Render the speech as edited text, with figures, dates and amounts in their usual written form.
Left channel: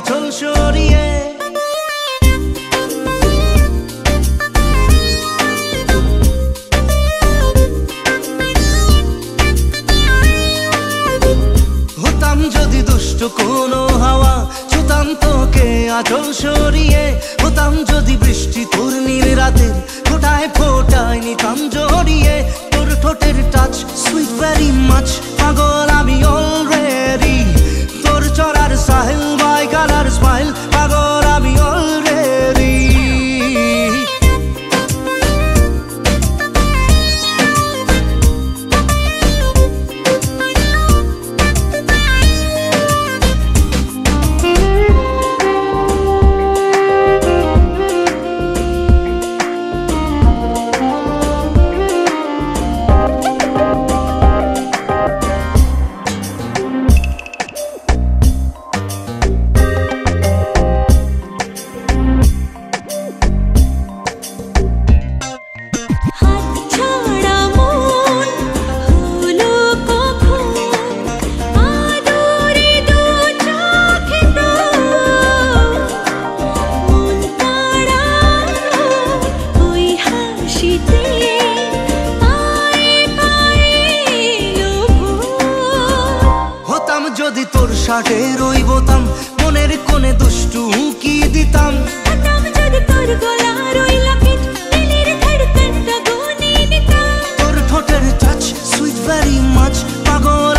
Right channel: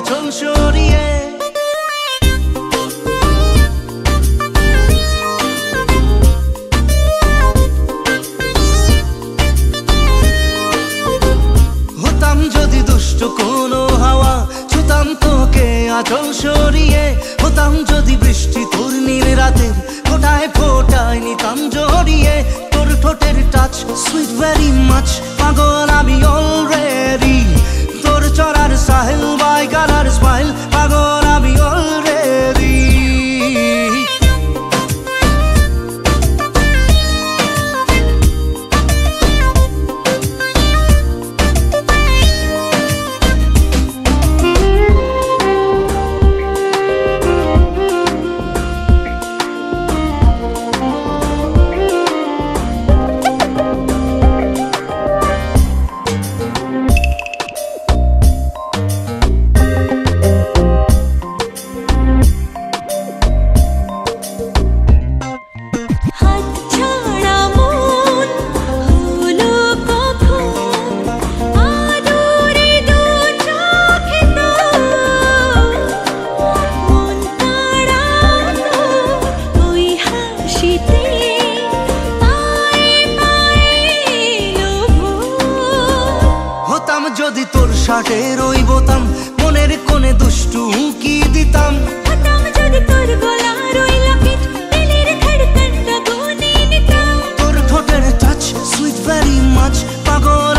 আঁচল সরিয়ে। হতাম যদি দুষ্ট কোনো হাওয়া, ছুতাম তোকে আঁচল সরিয়ে। হতাম যদি বৃষ্টি তোর নীল রাতের ফোটায় ফোটায় নিতাম জড়িয়ে। তোর ঠোঁটের টাচ সুইট ভেরি মাচ, পাগল আমি অলরেডি। তোর চড়ার সাহেল বাই কালার স্মাইল, পাগল আমি অলরেডি। হতাম যদি তোর শার্টের ওই বোতাম, মনের কোণে দুষ্টু উকি দিতাম। হতাম যদি তোর গলার ওই লকেট, দিলের ধড়কনটা গুনে নিতাম। তোর ঠোঁটের টাচ সুইট ভেরি মাচ, পাগল